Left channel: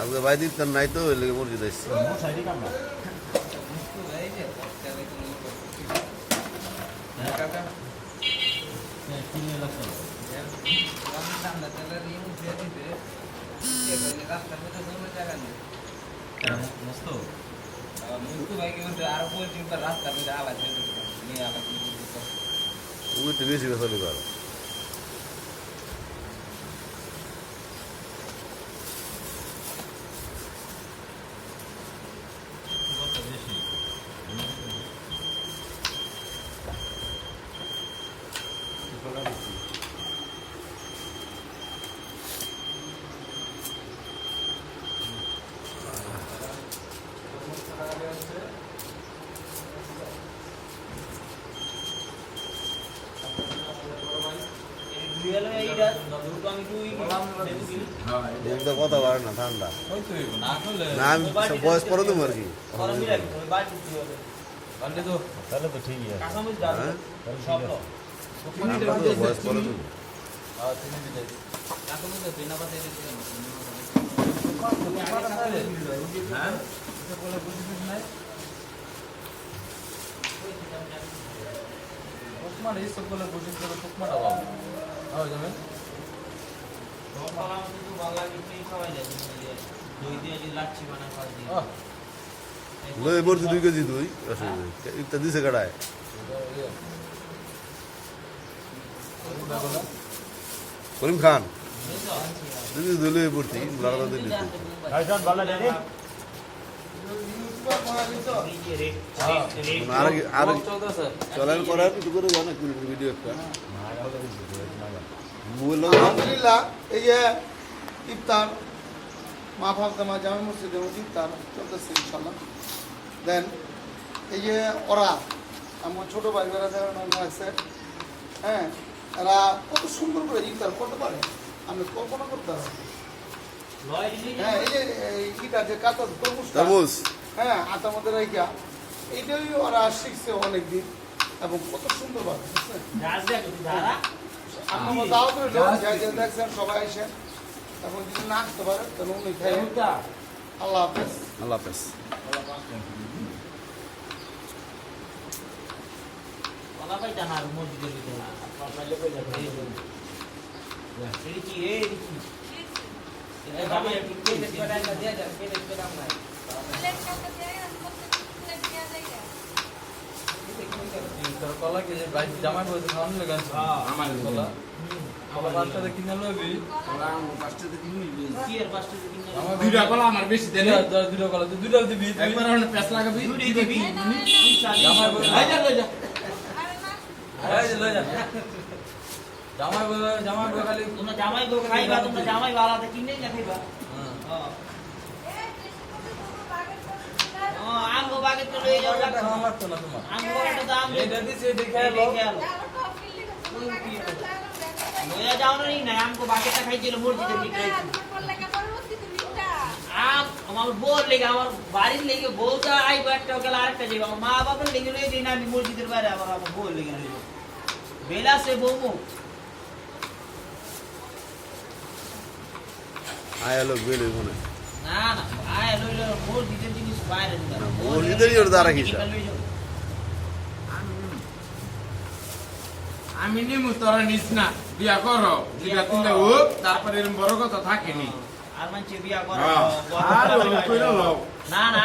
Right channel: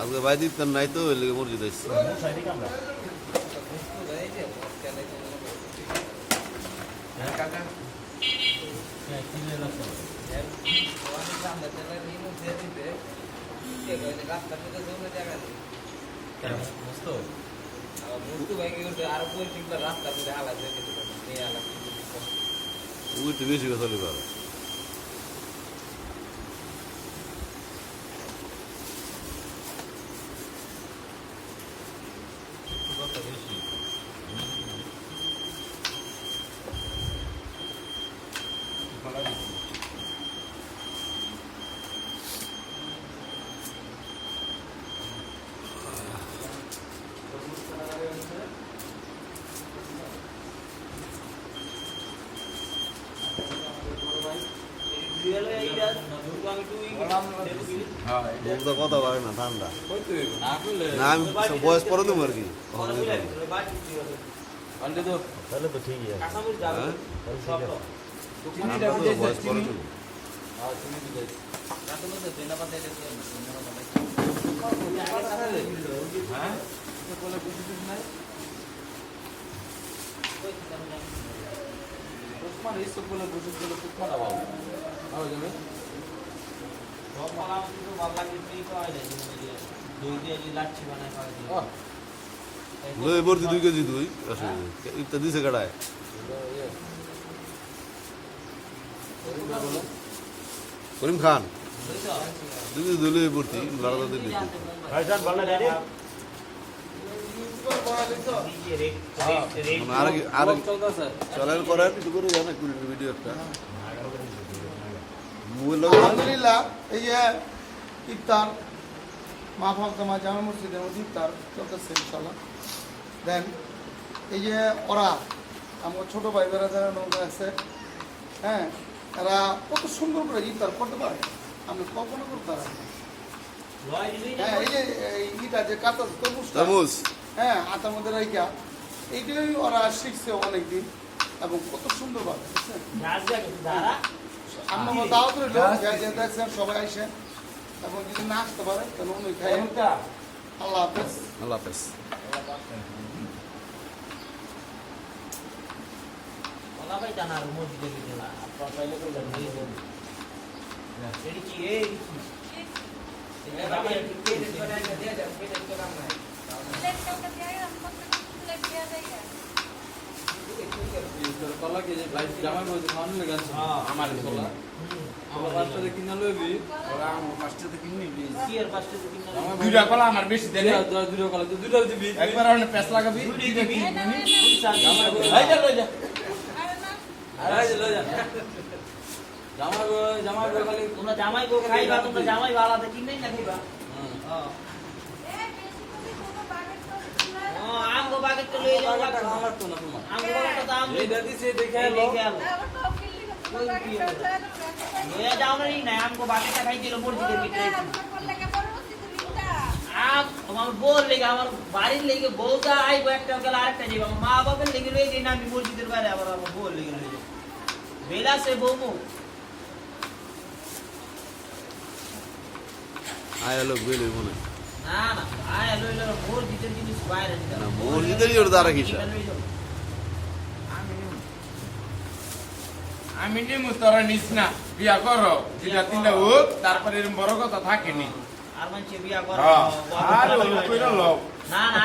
আজকে ভাই দিতেন নাই তো ওই লেগে মুরগি দিচ্ছে উইতে বেশি চলি পারে কথা পারে না ঠান্ডা না আমি বয়স পরে দেবো আর কি ঠান্ডা তো বয়স পরে দেবো বলছি 2 কেজি দুই ইফতার দিছে কাটায় করিম খান দিদি দুলে ভর্তি বারোটা দিন আর চলেন করার কিছু করে জানা কুড়ির ভিডিও একটা আলহামদুলিল্লাহ এই যে ইফতার মা ফাতেমা জামা মসজিদের মধ্যে ইফতার চলতেছে ইনশাল্লাহ। দেন এই যে ওরা আমার ছোট ভাই যারা যারা নৌকা আছে, হ্যাঁ, এরা কত সুন্দর করে ইফতার করতে পারে, আমি কল্পনা করতে পারি। হ্যাঁ, এই যে ইটা যে কাঁচা তরমুজ, হ্যাঁ, আটার মধ্যে রেখা, এইটাই ওরা শিখছে অনেকদিন এবং কত সুন্দর ভাবে দেখছেন সবাই এসে এখন যদি না আসতে পারে তাহলে উনি খাই। আল্লাহ হাফেজ। আল্লাহ হাফেজ। জামাই বলতে খাওয়ানো লেগে আমার কলা আমার পাঁচটাতে কিনে লবি আমার পাঁচটাতে কিনে দুইটা কলা আমার বেশি দেন দুইটা কলা তুই দুইটা দিবি একবার আপনি প্যাস লাগাবি দিবি জামাই বল আই যা লই যা আই যা লই যা জামাই বল খালি তোমরা জামাই গো খাইবা তোমরা জামাই वालाতে কিনেই না খাইবা হ্যাঁ আমগো বাগে তো লই যাও লাগবে আমার তো না তোমার আমগো বাগে দাম এই দাদি সে দেখে লো লইয়া যাও না না আমগো বাগেটা খাইছিল মসজিদের ভিতরে আম আমার বল লেগে আমার বাড়ির লেগে বউটা আইবো একটা গেল আরেকটা যাইবো আমার মা বাবার লেগে লই যাই না আমি মসজিদের বাইরে আবার আমার বল লেগে লই যাই বেলা সে বউকো আয়ালো বেলে মনে না না আয় লই লই মসজিদের জিনিস বাইরে দিবা না মসজিদেরই ওর দ্বারা কিসা আমি নিমু তোরা নিস না বিয়া করো দুইটা তিনটা হোক তারপরে এরকম বড় কথা থাকেনি আর মানছে বিয়া করো আর কইরা লও না না